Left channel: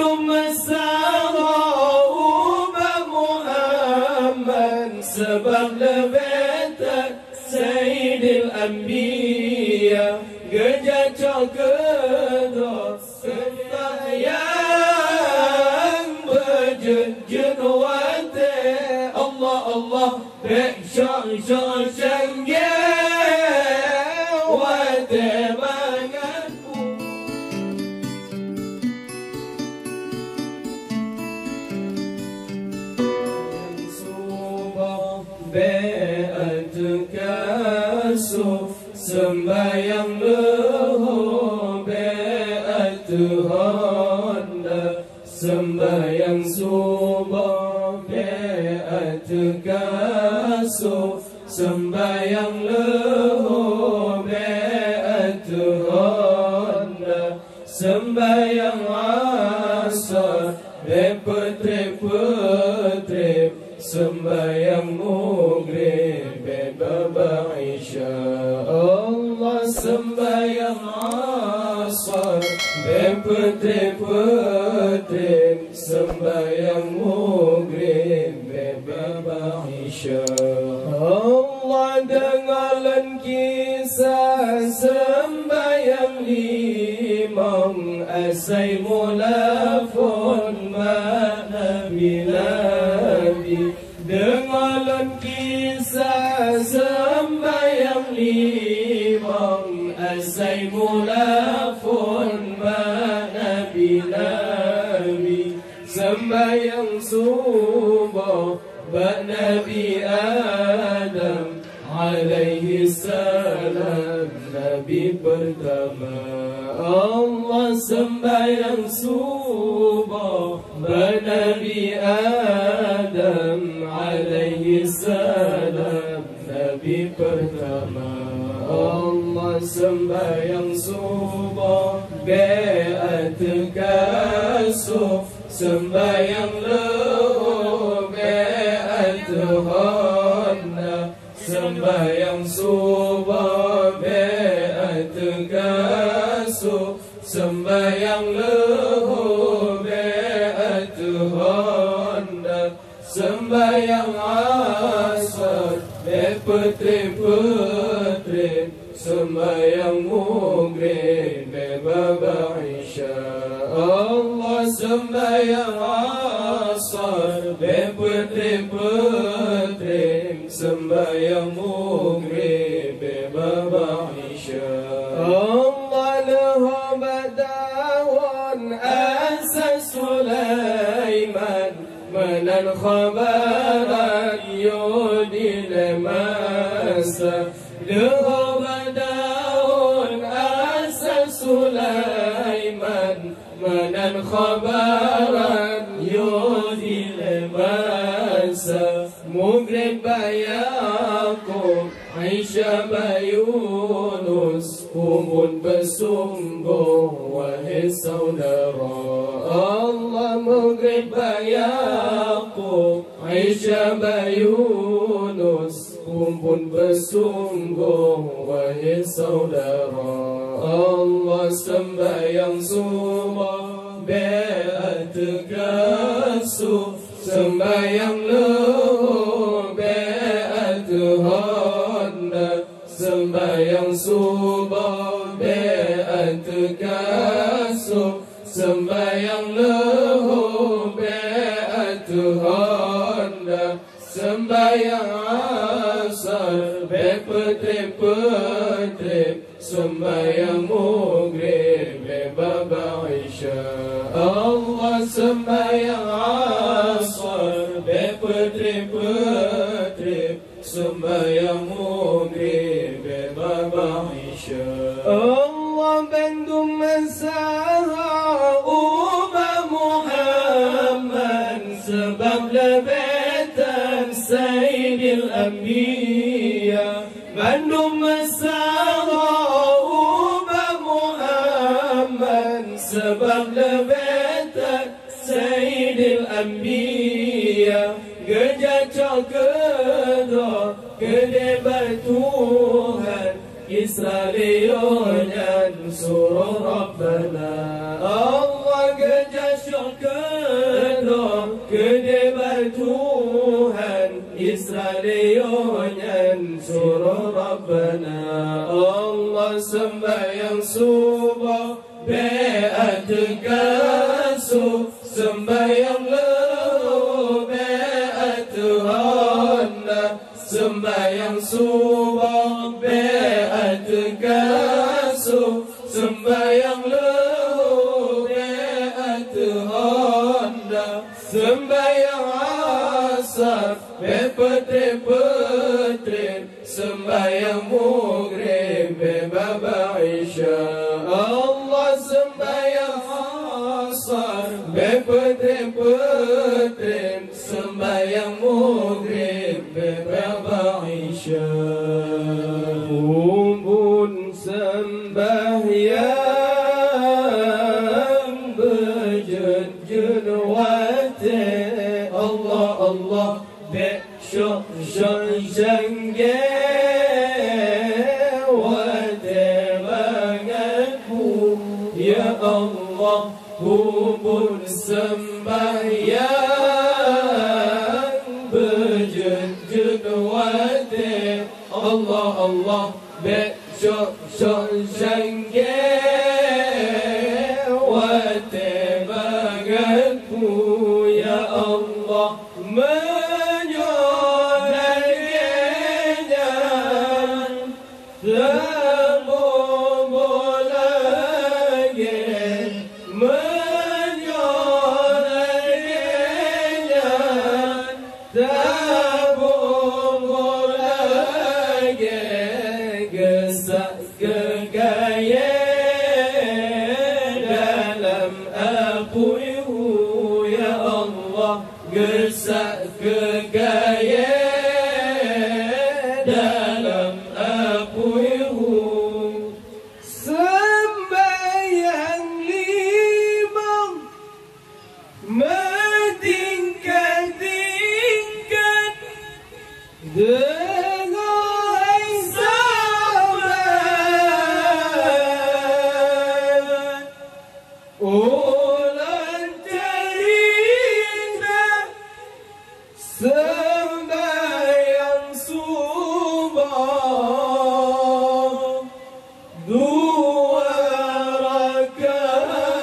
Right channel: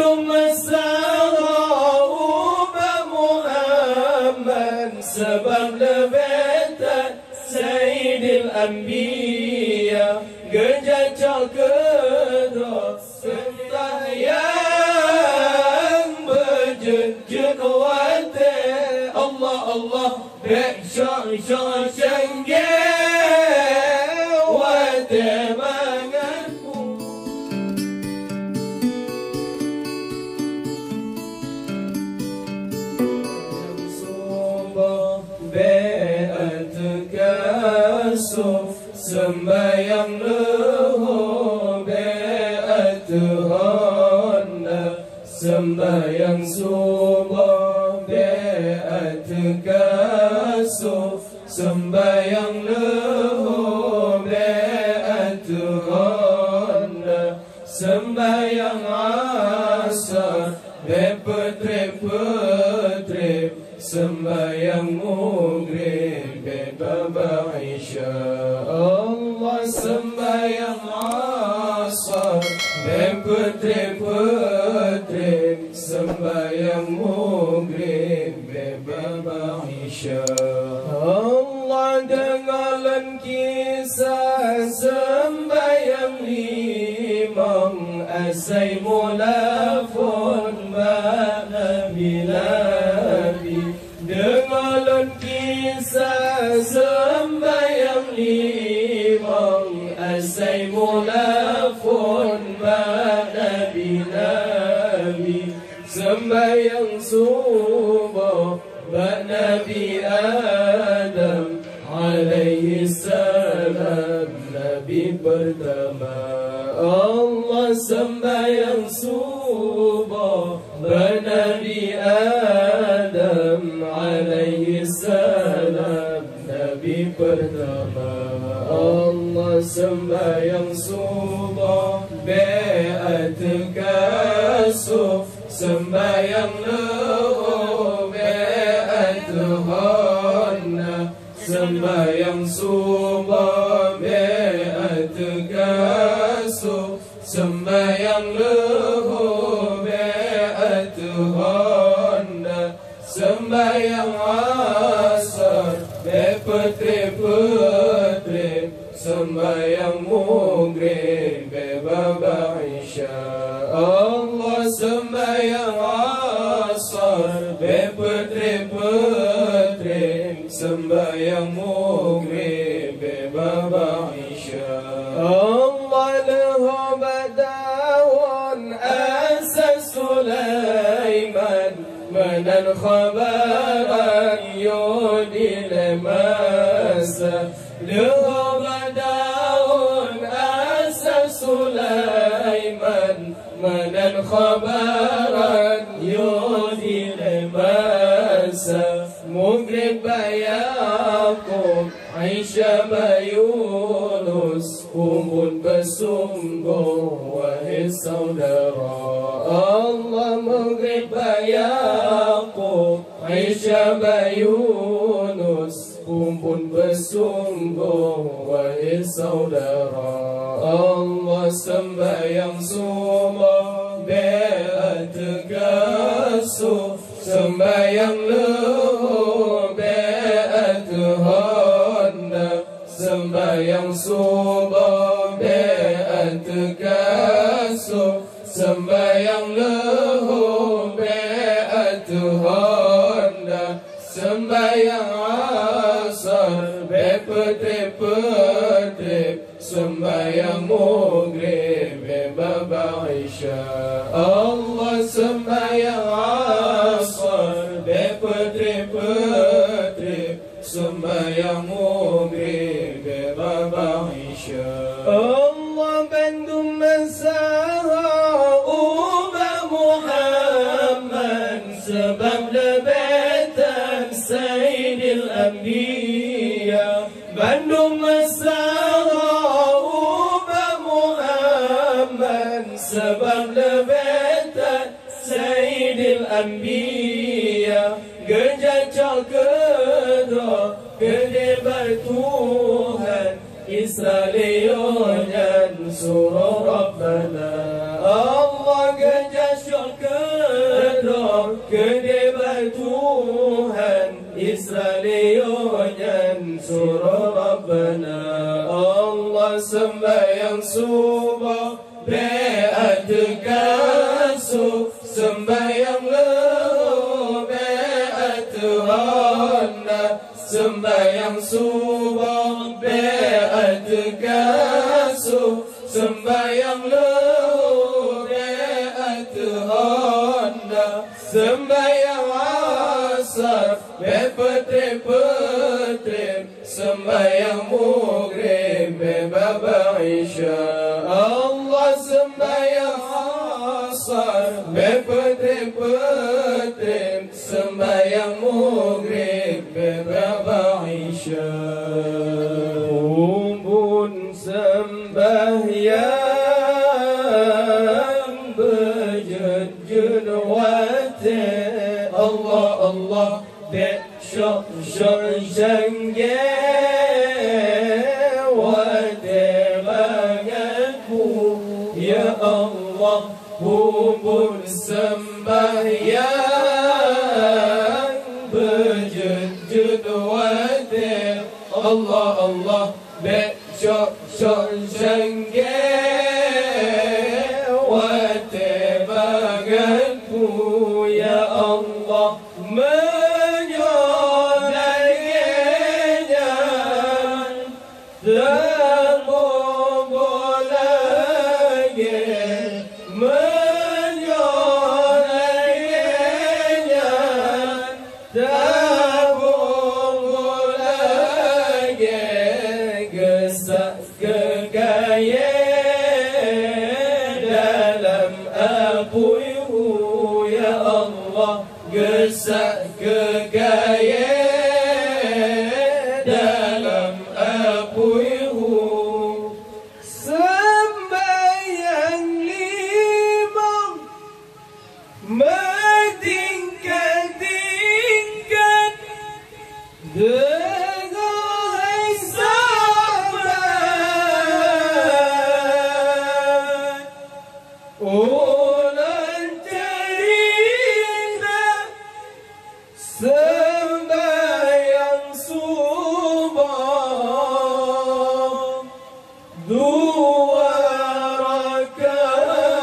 Bandung Mesara ubah Muhammad sebab lebetan Sayyidil Anbiya Gejah cokedok serta yang berjejut wate Allah Allah Bek syong-syong cenggel wate manganku Subah be'at kasuf sembayang leho be'at honda sembayang subah be'at kasuf sembayang leho be'at honda sembayang asar be'petrip-petrip sembayang maghrib beba isya Allah sembayang asar bepetrip-petrip sembayang maghrib beba isya Allah dengarkan kisah sembayang limang asai mulafun nabi dengarkan kisah sembayang limang asai mulafun nabi sembayang subuh Nabi Adam alaihi salam Nabi pertama Allah sembayang subuh Nabi Adam alaihi salam Nabi pertama Allah sembayang subuh be'at kasuf sembayang leho be'at honda sembayang subuh be'at kasuf sembayang leho be'at honda sembayang asar bepetrip-petrip sembayang maghrib beba isya Allah sembayang asar bepetrip-petrip sembayang maghrib beba isya Allah leho badawun asas Sulaiman menan khabaran yudil masa leho badawun asas Sulaiman menan khabaran yudil masa maghrib bayakum Aisyah bayunus umun bersungguh wahai saudara Allah maghrib bayakum Aisyah bayunus umun bersungguh wahai saudara Allah sembayang subuh be'at kasuf sembayang leho be'at honda sembayang subuh be'at kasuf sembayang leho be'at honda sembayang asar bepetrip-petrip sembayang maghrib beba isya Allah sembayang asar bepetrip-petrip sembayang maghrib beba isya Allah Bandung Mesara ubah Muhammad sebab lebetan Sayyidil Anbiya Bandung Mesara ubah Muhammad sebab lebetan Sayyidil Anbiya Gejah cokedok gede bertuhan Israelion dan surah Rabbana Allah kejar syurga kedebal Tuhan Israelion surah Rabbana Allah sembahyang subuh be'at kasu sembahyang lahu be'at hana sembahyang subuh be'at kasu sembahyang lahu be'at hana sembahyang asar be'petre-petre sembahyang maghrib be'baba isya Allah sembahyang asar be'petre-petre sembahyang maghrib be'baba isya umbun sembahyang berjun wate Allah Allah dek syok jangge wate bangatku ya Allah umbun sembahyang berjun wate Allah Allah dek syok jangge wate bangatku ya Allah menyorakinya dan membolanya menyorakinya dan membolanya gesak kegaya dalam apuihu ya Allah gesak kegaya dalam apuihu sembahyang lima mentingkat-tingkat dengan sahabat ulang cerita sembahyang subuh dua rakaat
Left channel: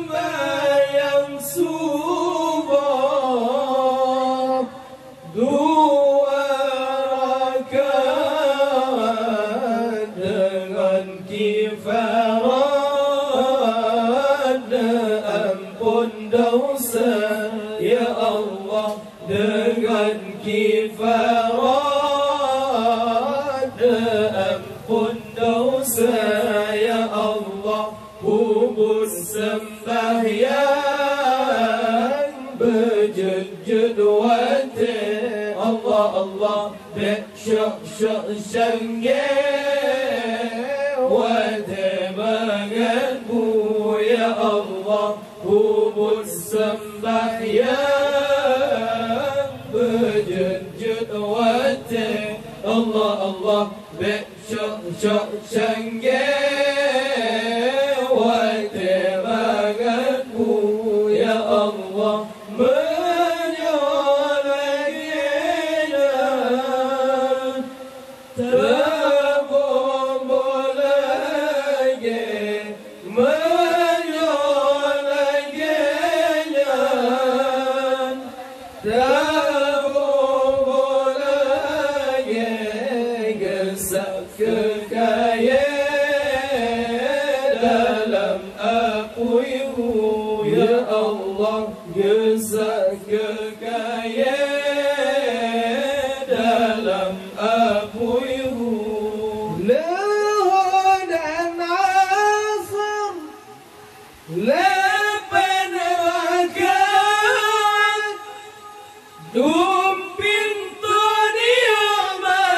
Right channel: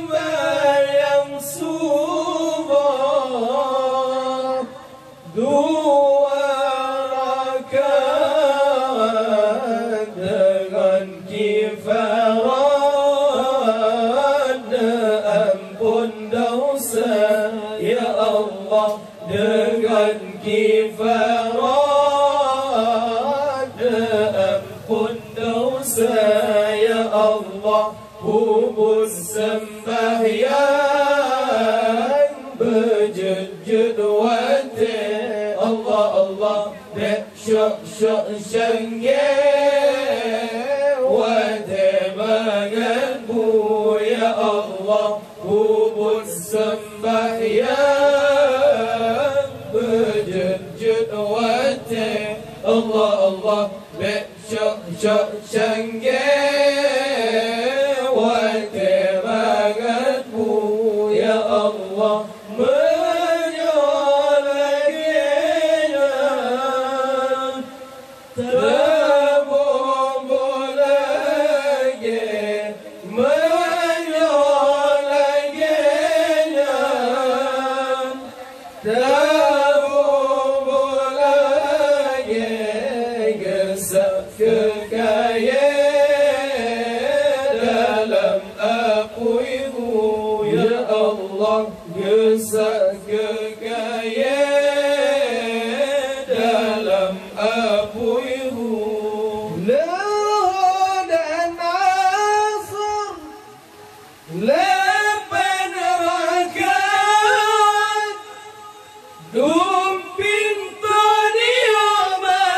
sembahyang subuh dua rakaat dengan kifarat ampun dosa ya Allah dengan kifarat ampun dosa ya Allah hubun sembahyang berjud wate Allah Allah dek syok syangge wate bangatku ya Allah hubun sembahyang berjud wate Allah Allah dek syok syangge wate bangatku ya Allah menyorakinya terbombolanya menyorakinya terbombolanya gesak kegaya dalam apuihu ya Allah gesak kegaya dalam apuihu lahu dan asar lapan rakaat dumpin toniamat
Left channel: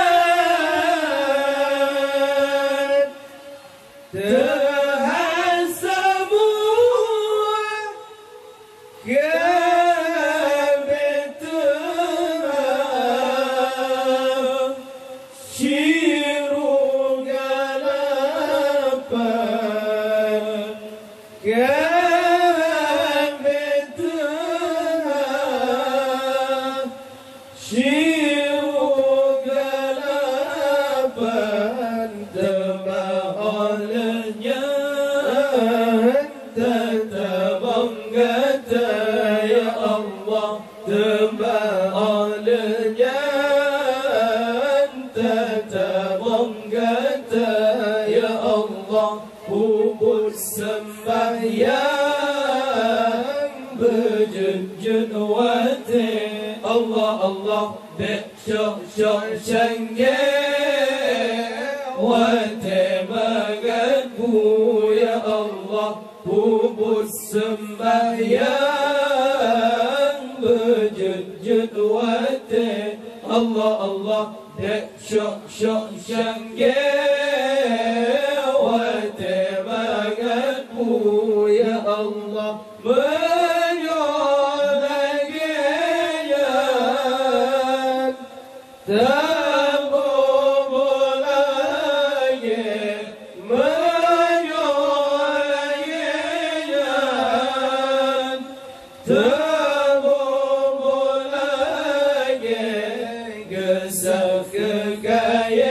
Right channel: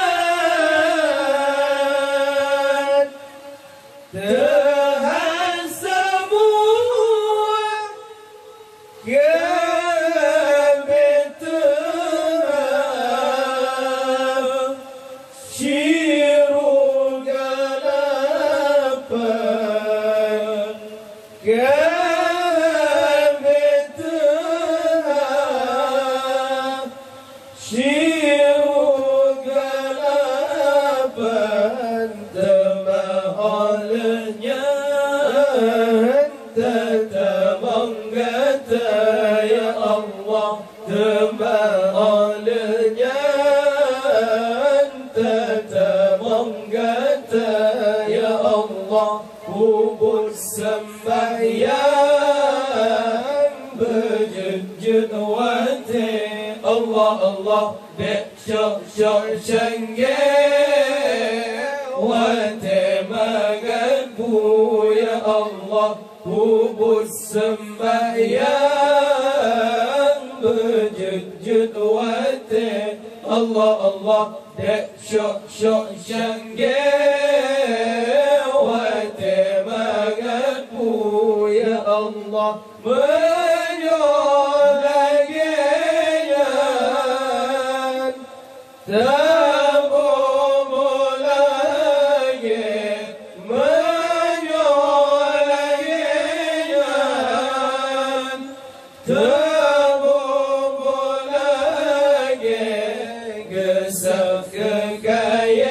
tahan semua kebetulan syiru galapa puput sembahyang berjujud wate Allah Allah dek syok syok syengge wate mengaku ya Allah puput sembahyang berjujud wate Allah Allah dek syok syok syengge wate mengaku ya Allah menyolagian tabum lagi menyolagian tabum lagi gesah kekayaan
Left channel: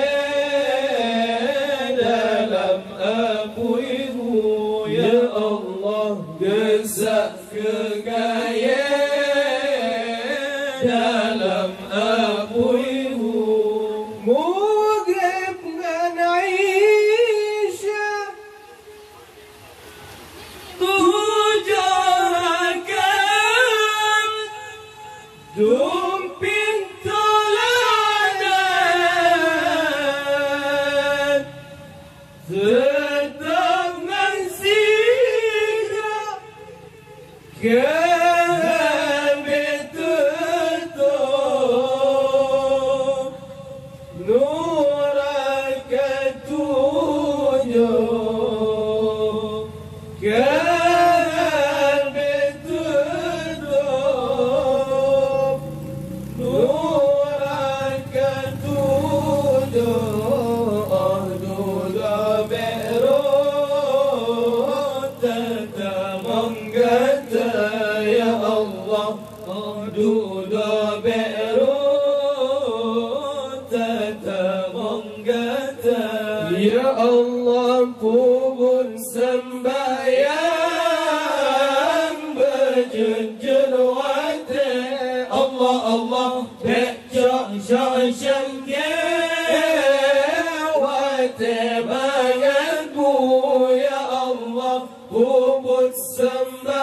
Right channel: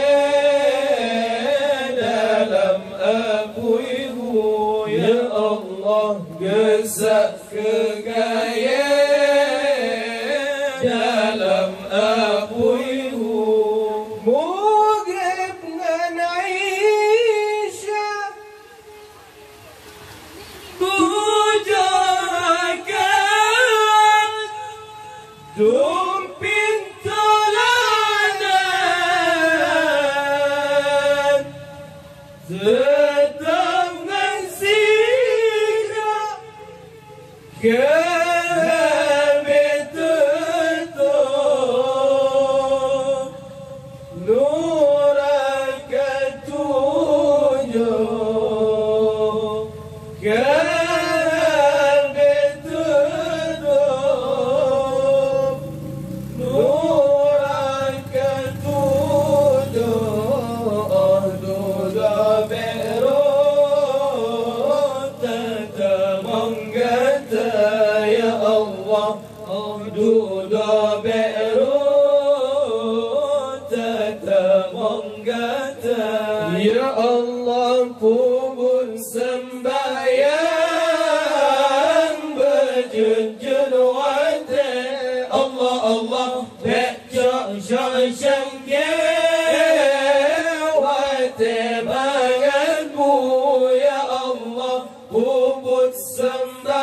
dalam apuimu ya Allah gesah kekayaan dalam apuimu mugib ngan Aisyah tujuakan dumpin toladan tetap nasihat kalbi tutup nuraka tujuh kalbi tutup nuraka tujuh ahduda be'rut tatamangata ya Allah ahduda be'rut tatamangata ya Allah puput sembahyang berjujud wate Allah Allah dek syok syok syengge wate mengaku ya Allah puput sembahyang